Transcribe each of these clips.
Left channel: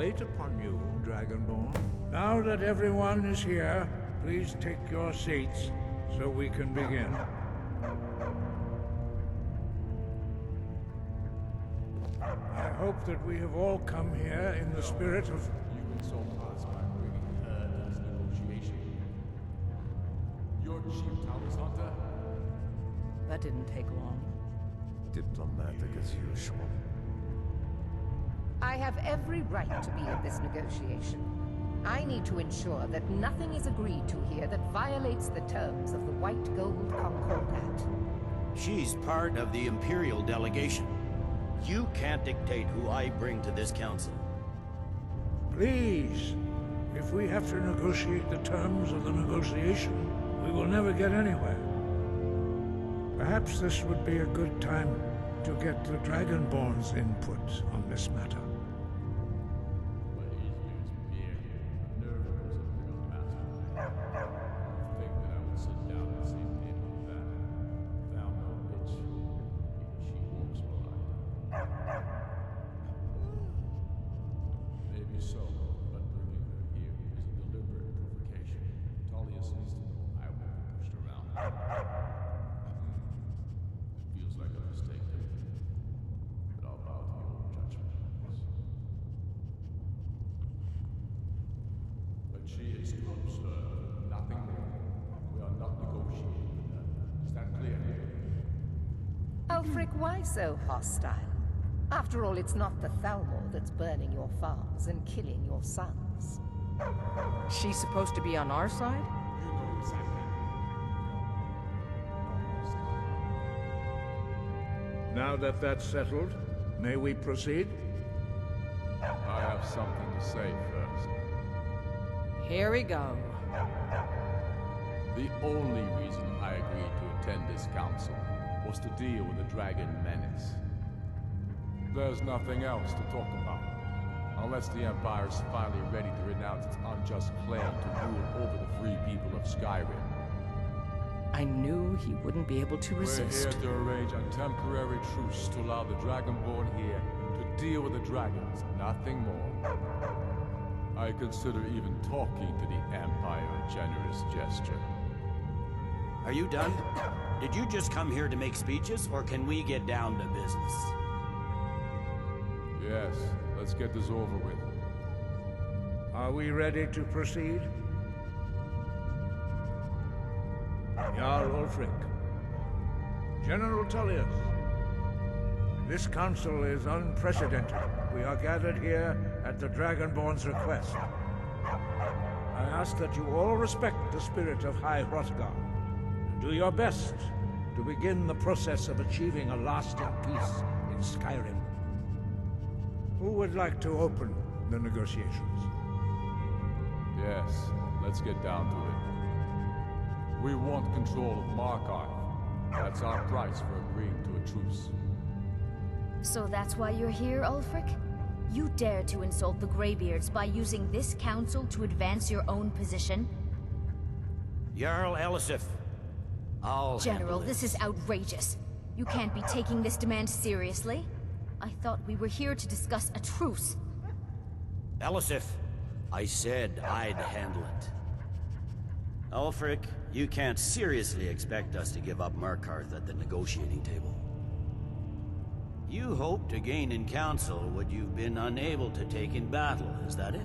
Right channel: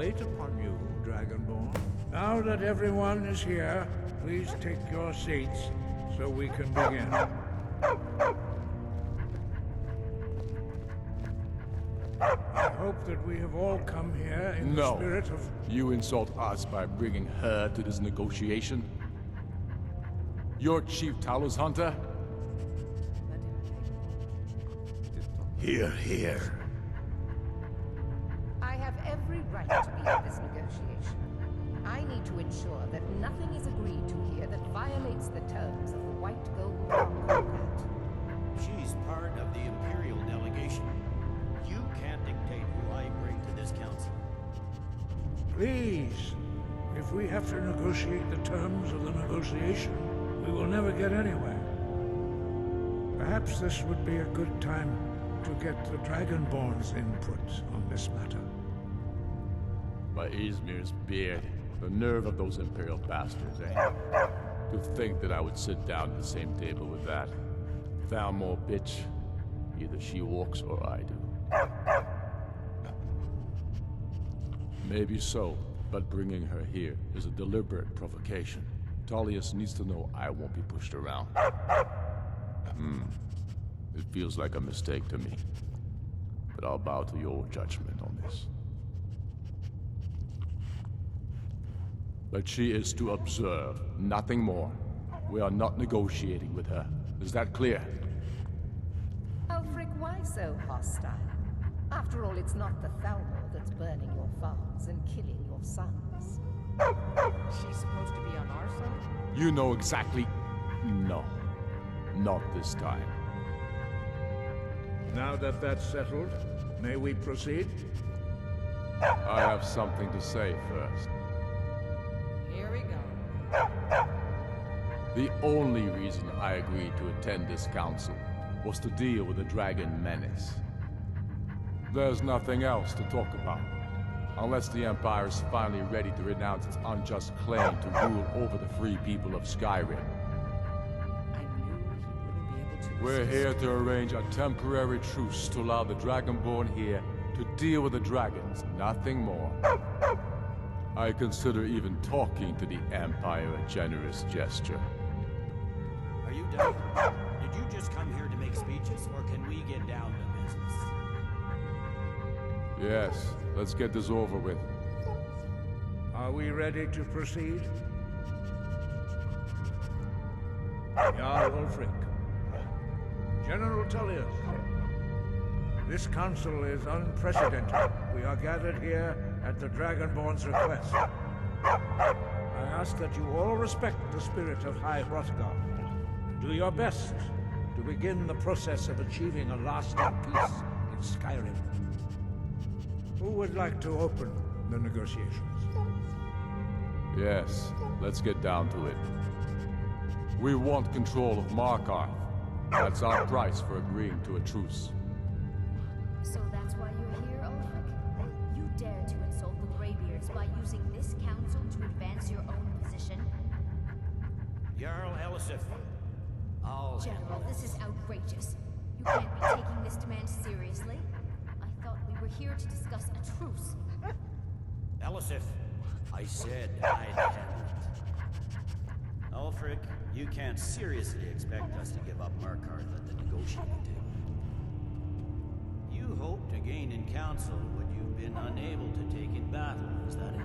wait upon you, Dragonborn. Now that everyone is here, please take your seats so we can begin. I hope that we have all come here in the spirit of... You insult us by bringing her to this negotiation? You're Chief Talos Hunter? That didn't take long. Here. I have every right to be at this negotiation. I need to ensure that nothing is agreed to here that violates the terms of the White Gold Concordat. She's part of the Imperial delegation. You can't dictate who I bring to this council. Please, if we have to negotiate the terms of the negotiation, we will never get anywhere. Perhaps this would be a good time to get the Dragonborn's input on this matter. By Izmir's beard, the nerve of those Imperial bastards, eh? To think that I would sit down at the same table with that. Thalmor bitch. Either she walks or I do. Maybe so, but bringing her here is a deliberate provocation. Tullius needs to know I won't be pushed around. It feels like a mistake to me. But I'll bow to your judgment on this. But she is to observe, nothing more. We are not negotiating with her. Is that clear? Ulfric, why so hostile? After all, it's not the Thalmor that's burning your farms and killing your sons. She's supposed to be on our side? You know exactly... No. Not this time. Now that that's settled, may we proceed? I have something to say first. Here we go. The only reason I agreed to attend this council was to deal with the dragon menace. There's nothing else to talk about. Unless the Empire is finally ready to renounce its unjust claim to rule over the free people of Skyrim. I knew he wouldn't be able to resist. We're here to arrange a temporary truce to allow the Dragonborn here to deal with the dragons, nothing more. I consider even talking to the Empire a generous gesture. Are you done? Did you just come here to make speeches, or can we get down to business? Yes, let's get this over with. Are we ready to proceed? Jarl Ulfric. General Tullius. This council is unprecedented. We are gathered here at the Dragonborn's request. I ask that you all respect the spirit of High Hrothgar, and do your best to begin the process of achieving a lasting peace in Skyrim. Who would like to open the negotiations? Yes, let's get down to it. We want control of Markarth. That's our price for agreeing to a truce. So that's why you're here, Ulfric? You dare to insult the Greybeards by using this council to advance your own position? Jarl Elisif, I'll General, this is outrageous. You can't be taking this demand seriously. I thought we were here to discuss a truce. Elisif, I said I'd handle it. Ulfric, you can't seriously expect us to give up Markarth at the negotiating table. You hope to gain in council what you've been unable to take in battle, is that it?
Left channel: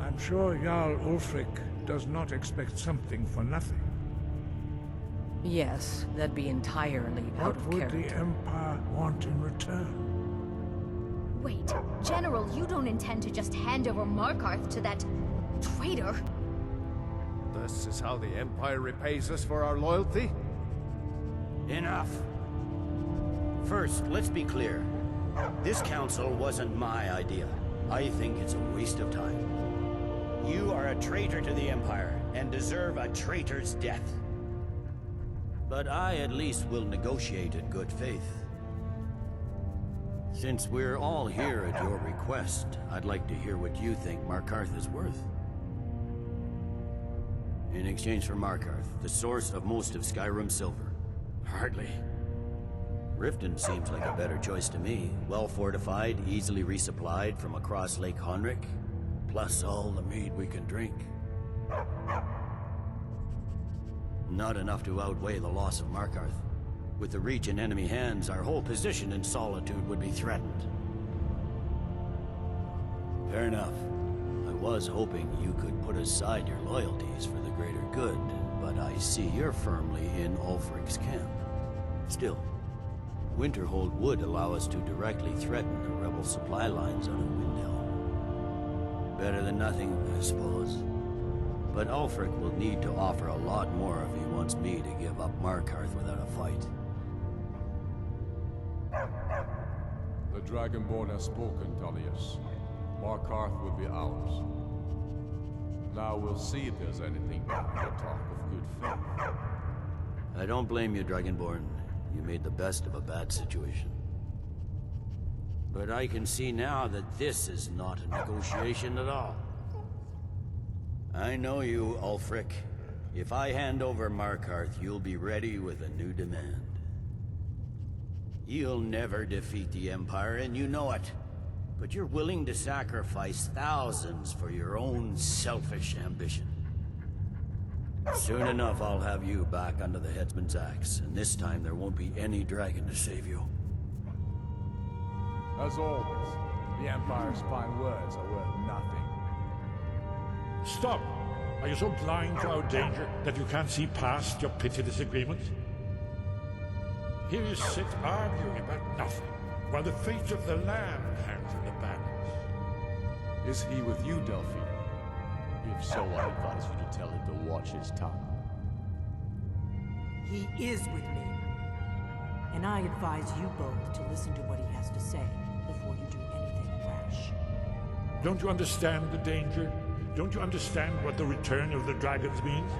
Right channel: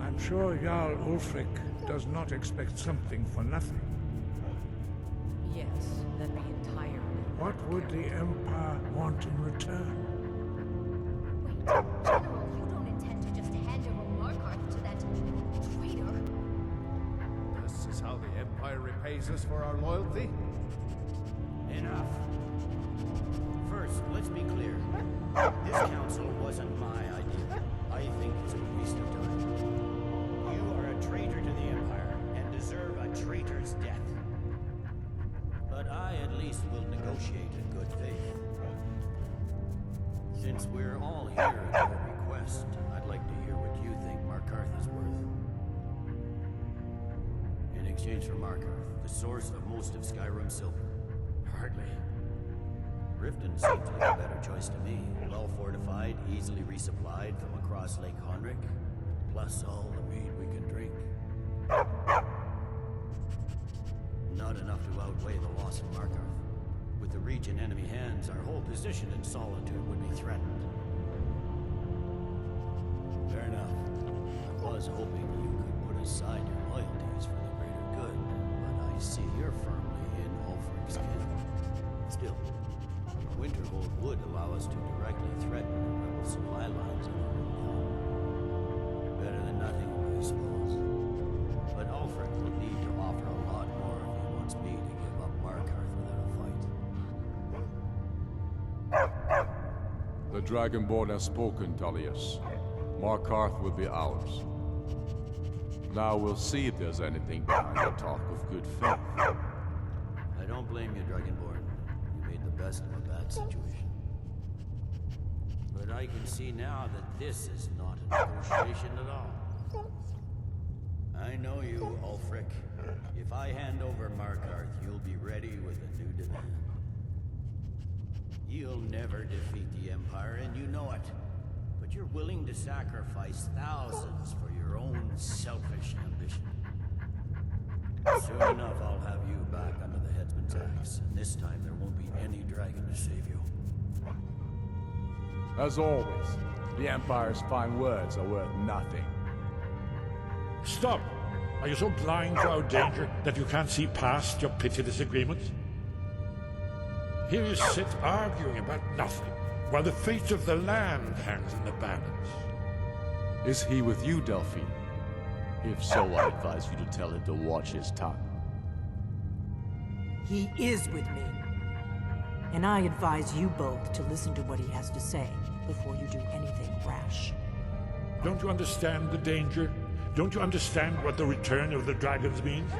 I'm sure Jarl Ulfric does not expect something for nothing. Yes, that'd be entirely out What of would the character. Empire want in return? Wait, General, you don't intend to just hand over Markarth to that traitor? This is how the Empire repays us for our loyalty? Enough. First, let's be clear. This council wasn't my idea. I think it's a waste of time. You are a traitor to the Empire, and deserve a traitor's death. But I at least will negotiate in good faith. Since we're all here at your request, I'd like to hear what you think Markarth is worth. In exchange for Markarth, the source of most of Skyrim's silver. Hardly. Riften seems like a better choice to me. Well fortified, easily resupplied from across Lake Honrick, plus all the mead we can drink. Not enough to outweigh the loss of Markarth. With the Reach in enemy hands, our whole position in Solitude would be threatened. Fair enough. I was hoping you could put aside your loyalties for the greater good, but I see you're firmly in Ulfric's camp. Still, Winterhold would allow us to directly threaten the rebel supply lines on a windmill. Better than nothing, I suppose. But Ulfric will need to offer a lot more if he wants me to give up Markarth without a fight. The Dragonborn has spoken, Tullius. Markarth will be ours. Now we'll see if there's anything behind the talk of good faith. I don't blame you, Dragonborn. You made the best of a bad situation. But I can see now that this is not a negotiation at all. I know you, Ulfric. If I hand over Markarth, you'll be ready with a new demand. You'll never defeat the Empire, and you know it. But you're willing to sacrifice thousands for your own selfish ambition. Soon enough, I'll have you back under the headsman's axe, and this time there won't be any dragon to save you. As always, the Empire's fine words are worth nothing. Stop! Are you so blind to our danger that you can't see past your pitiless agreements? Here you sit arguing about nothing, while the fate of the land hangs in the balance. Is he with you, Delphine? If so, I advise you to tell him to watch his tongue. He is with me. And I advise you both to listen to what he has to say before you do anything rash. Don't you understand the danger? Don't you understand what the return of the dragons means?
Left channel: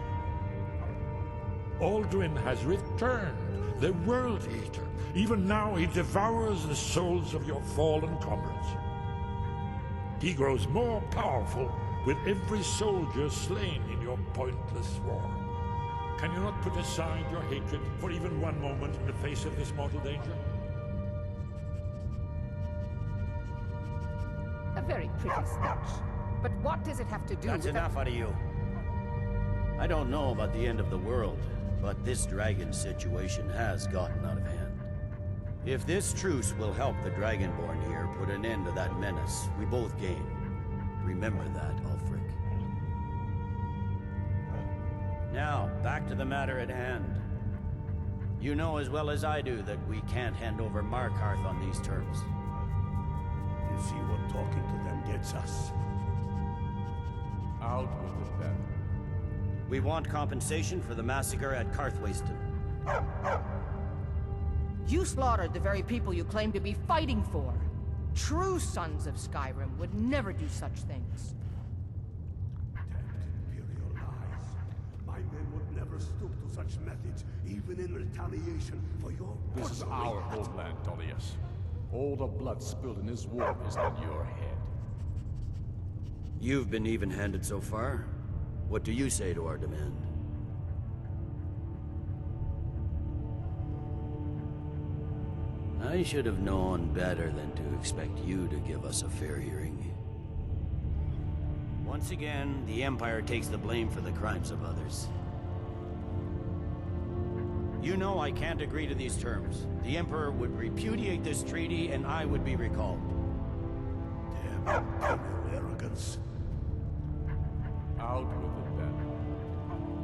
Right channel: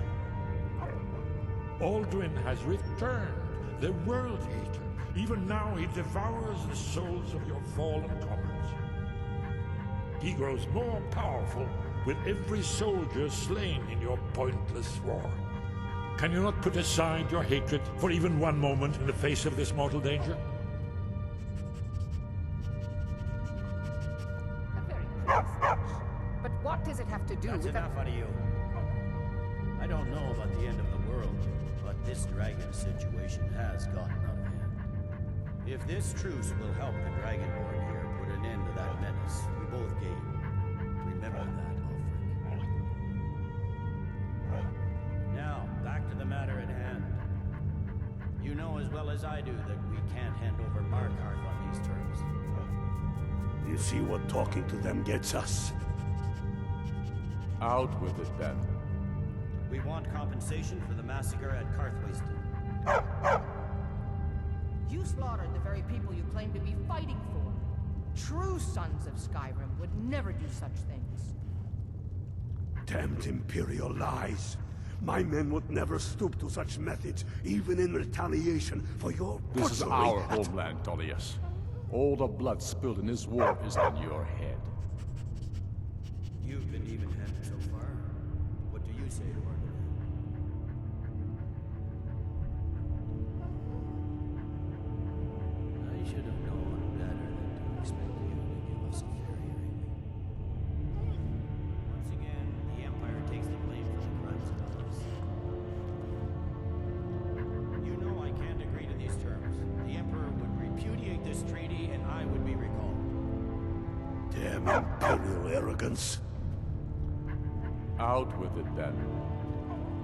Aldrin has returned, the World Eater. Even now he devours the souls of your fallen comrades. He grows more powerful with every soldier slain in your pointless war. Can you not put aside your hatred for even one moment in the face of this mortal danger? A very pretty speech. But what does it have to do That's with enough out of you. I don't know about the end of the world, but this dragon situation has gotten out of hand. If this truce will help the Dragonborn here put an end to that menace, we both gain. Remember that, Ulfric. Now, back to the matter at hand. You know as well as I do that we can't hand over Markarth on these terms. You see what talking to them gets us. Out with it, then. We want compensation for the massacre at Karthwasten. You slaughtered the very people you claim to be fighting for. True sons of Skyrim would never do such things. Damned Imperial lies. My men would never stoop to such methods, even in retaliation for your This is butchery. our homeland, Tullius. All the blood spilled in this war is on your head. You've been even-handed so far. What do you say to our demand? I should have known better than to expect you to give us a fair hearing. Once again, the Empire takes the blame for the crimes of others. You know I can't agree to these terms. The Emperor would repudiate this treaty and I would be recalled. Damn Imperial arrogance. Out with it, then.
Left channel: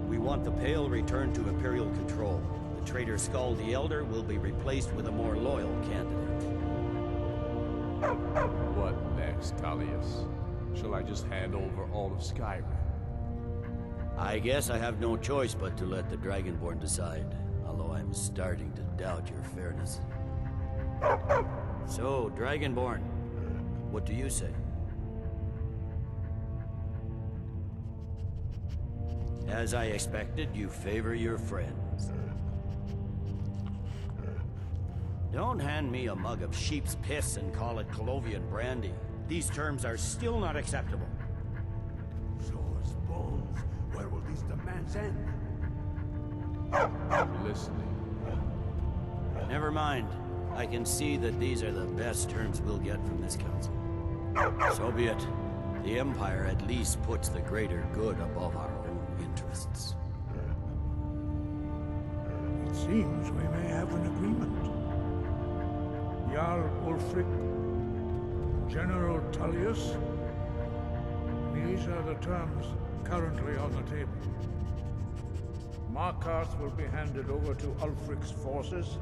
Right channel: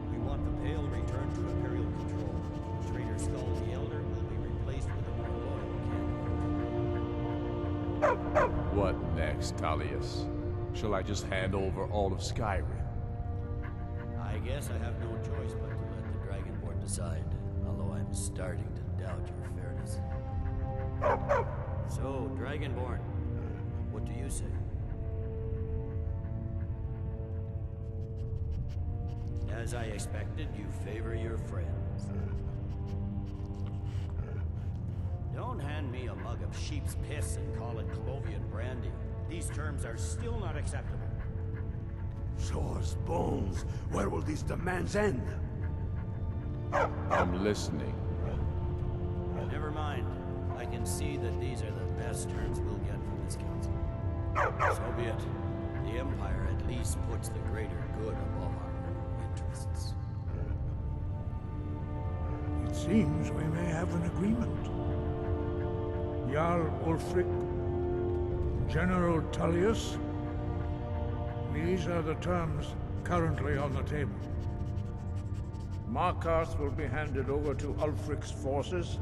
We want the Pale returned to Imperial control. The traitor Skull the Elder will be replaced with a more loyal candidate. What next, Tullius? Shall I just hand over all of Skyrim? I guess I have no choice but to let the Dragonborn decide, although I'm starting to doubt your fairness. So, Dragonborn, what do you say? As I expected, you favor your friends. Don't hand me a mug of sheep's piss and call it Colovian brandy. These terms are still not acceptable. Show us bones. Where will these demands end? I'm listening. Never mind. I can see that these are the best terms we'll get from this council. So be it. The Empire at least puts the greater good above our own interests. It seems we may have an agreement. Jarl Ulfric, General Tullius. These are the terms currently on the table. Markarth will be handed over to Ulfric's forces.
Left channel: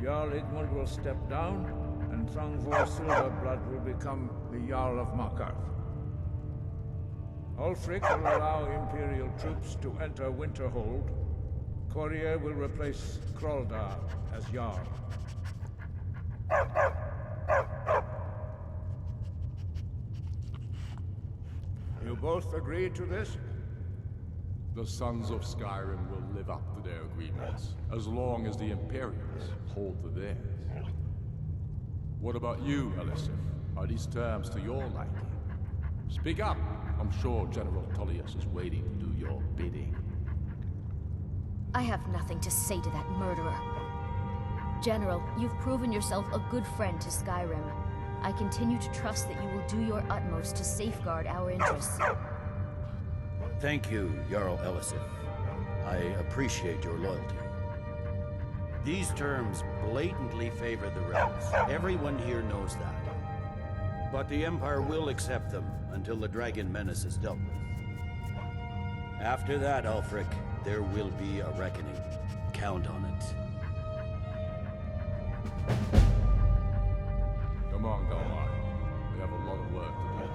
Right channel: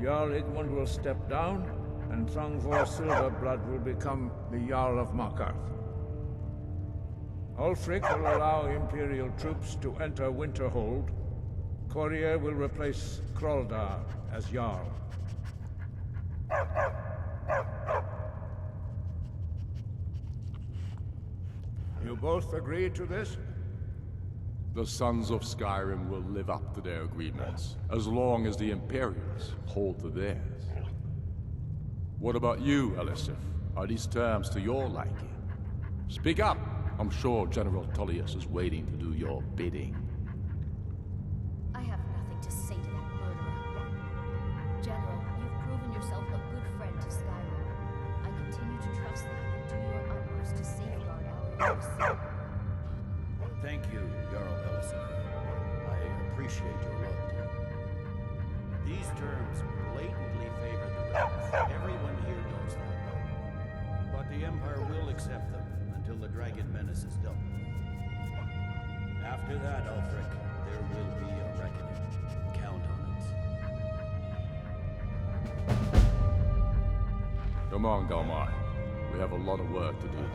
Jarl Igmund will step down, and Thangvor Silverblood will become the Jarl of Markarth. Ulfric will allow Imperial troops to enter Winterhold. Courier will replace Kroldar as Jarl. You both agree to this? The Sons of Skyrim will live up to their agreements, as long as the Imperials hold to theirs. What about you, Elisif? Are these terms to your liking? Speak up! I'm sure General Tullius is waiting to do your bidding. I have nothing to say to that murderer. General, you've proven yourself a good friend to Skyrim. I continue to trust that you will do your utmost to safeguard our interests. Thank you, Jarl Elisif. I appreciate your loyalty. These terms blatantly favor the rebels. Everyone here knows that. But the Empire will accept them until the Dragon Menace is dealt with. After that, Ulfric, there will be a reckoning. Count on it. Come on, Galmar. We have a lot of work to do.